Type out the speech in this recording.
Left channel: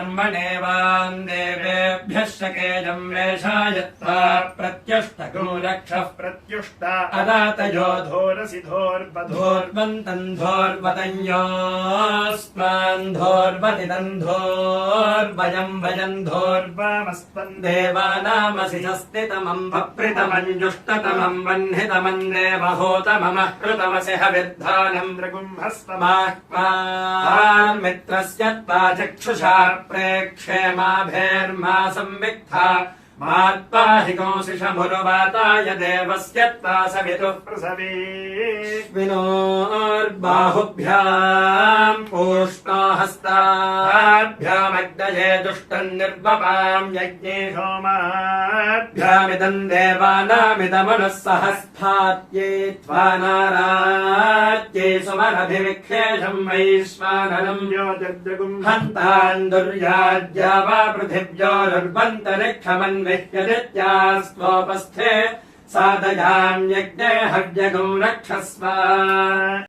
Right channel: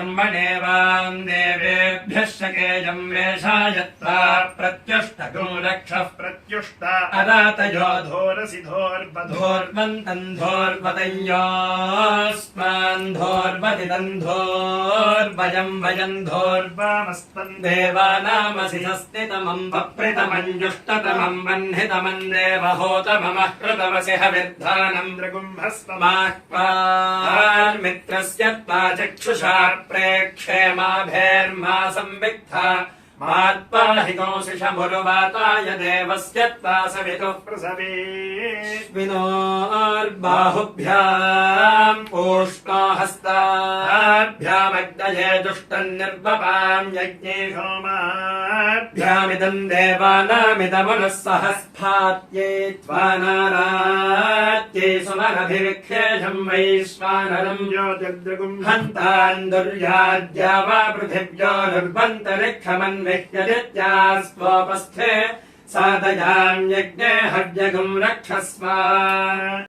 कर्मणेवान् देवेभ्यः शकेजम् वेषायत्वा प्रत्युष्टगुम् रक्षः प्रत्युष्ट अदातयो धोरसि धोर्बधोर् धोर्वन्तम् धोर्वतयोस्मान् धोर्वतिदम् धोर्वयम् वयम् धोर्व वामस्पन् देवानामसि हस्तितमम् पप्रितमञ्जुष्टतमम् वह्नितमम् देवहोतममः कृतमसि हविर्धानम् मित्रस्य त्वा चक्षुषा प्रेक्षे माभेर्मा संविक्था मात्ता हि देवस्य त्वा सवितुः प्रसवे विनोर्बाहुभ्याम् पूष्णो हस्ताभ्यामग्नये यज्ञे भ्यामिदम् देवानामिदमनुः सहस्फात्यै त्वा नारात्यै समरभिविख्येषम् वैश्वानरम् हन्तान् दुर्याज्या वा पृथिव्योरुर्वन्तरिक्षमन्विह्यदित्यास्त्वोपस्थे साधयाम् यज्ञे हव्यगम् रक्षस्व